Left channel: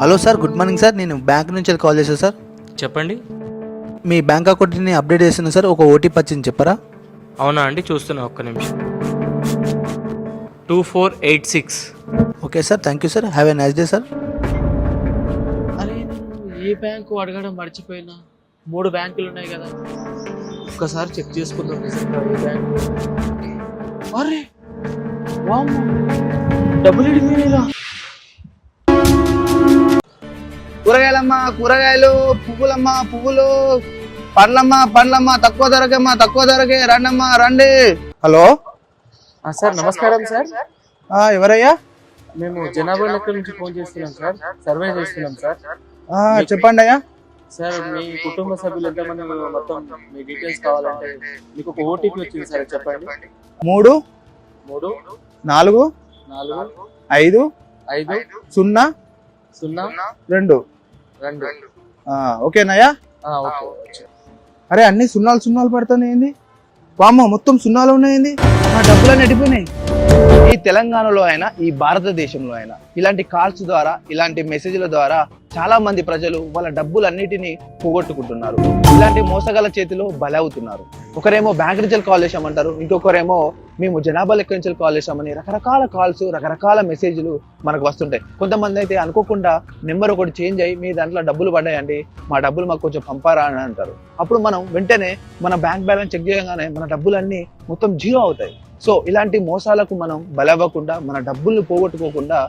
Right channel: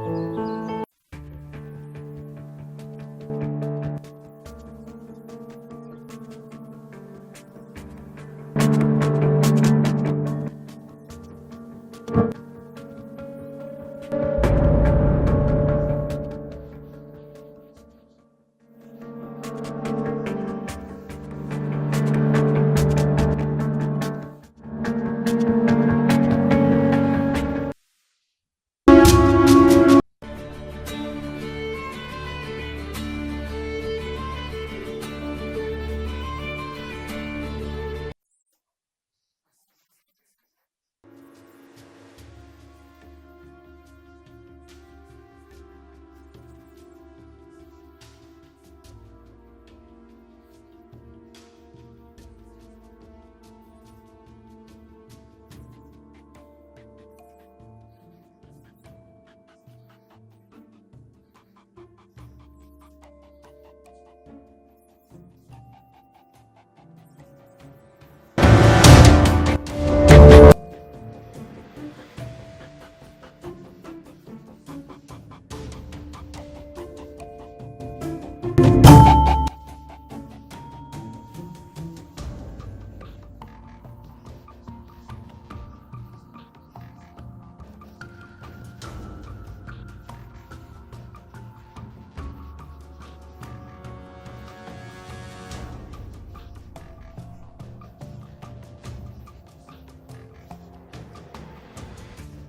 Hello sir good morning sir. నేను bank నుంచి call చేశాను సార్. చెప్పండి. మీ బ్యాంక్ అకౌంట్ని అప్డేట్ చేస్తున్నా సార్ ఒక ఓటీపీ వచ్చింది చెప్పరా? అవునా అండి? చూస్తున్నా ఒక్క నిమిషం. Two four eight six. Okay sir thank you sir. Have a nice day sir. అరే ఏ బ్యాంకు అడగడం మర్చిపోయినా? మూడు బ్యాంకులు ఉన్నాయి కదా. ఒక్కసారి చెక్ చేసుకుందాం. ఏ బ్యాంకు? కూరగాయలమ్మా కూరగాయలు పువ్వులమ్మా పువ్వులు. పండ్లమ్మా పండ్లమ్మా తక్కువ ధరకేమ్మా తక్కువ ధరకే రండమ్మా రండి. హలో? సార్ నమస్కారం సార్. ఆ, ఎవరయ్యా? మేము జనాభా లెక్క నుంచి ఫోన్ చేస్తున్నాం సార్. సర్వే చేస్తున్నాం సార్. ఆ, చెప్పండి అయ్యా. సార్ మీ కుటుంబ సభ్యులు ఎంతమంది మొత్తం మీ డీటెయిల్స్ కావాలంటే మీకు ఒక ఓటీపీ వచ్చింది సార్ చెప్పండి. మూడు మూడు నాలుగు నాలుగు ఐదు ఐదు సున్నా సున్నా రెండు. రెండు. ఆ, ఓకేనయ్యా ఆ, ఓకే అరే అన్ని సున్నాలు సున్నాలు పడుతున్నాయి ఏంది? వామ్మ మొత్తం సున్నాలు ఉన్నాయండి ఈ తెలంగాణలో అయినా ఈ భారతదేశంలో అయినా ఇలాంటి కాల్స్ ద్వారా ఇలాంటి మెసేజ్ల ద్వారా చాలా మంది ప్రజలు వాళ్ళ డబ్బులన్నిటినీ పోగొట్టుకుంటున్నారు. ఇలాంటి మోసగల చేతిలో బలవుతున్నారు. ఒకరేమో బ్యాంక్ నుంచి కాల్ చేసామంటారు ఇంకొకరేమో మేము జనాభా లెక్క నుంచి కాల్ చేశామని రకరకాల కాల్స్ రకరకాల మెసేజ్లు మనకు వస్తుంటాయి. కొంతమంది అయితే అనుకోకుండా నెంబర్ ఒకటి చేంజ్ అయ్యి మీ దాంట్లో డబ్బులు పడ్డాయండి మా డబ్బులు మాకు కొంచెం పంపారా అని అంటారు. అప్పుడు మనం వెంటనే మన బ్యాంక్ బ్యాలెన్స్ చెక్ చేయగానే మన డబ్బులన్నీ మొత్తం జీరో అవుతాయి. సో ఇలాంటి మోసాలకు మనం బలవ్వకుండా మన డబ్బుల్ని పోగొట్టుకోకుండా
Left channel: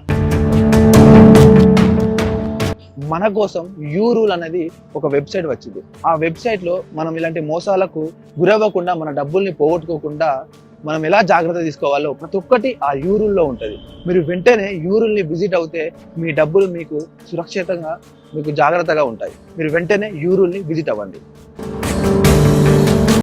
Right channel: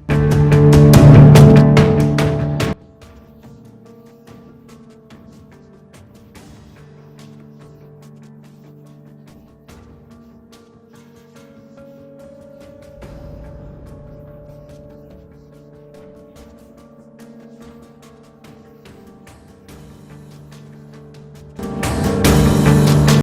మన కోసం యూ రూల్ అనేది ఒక వెబ్సైట్ వచ్చింది. ఆ వెబ్సైట్లో మనం ఇలాంటి మోసాలకు గురవ్వకుండా మన డబ్బుల్ని పోగొట్టుకోకుండా మనం ఎలా జాగ్రత్త తీసుకోవాలో ప్రతి ఒక్కటి ఆ యూరుల్లో ఉంటుంది. మీరు వెంటనే యూరుల్ని విజిట్ అవుతే మీ డబ్బులు మీకు సురక్షితంగా మీకు జాగ్రత్తగా ఉంటాయి. మీరు వెంటనే యూరుల్ని విజిట్ అవ్వండి.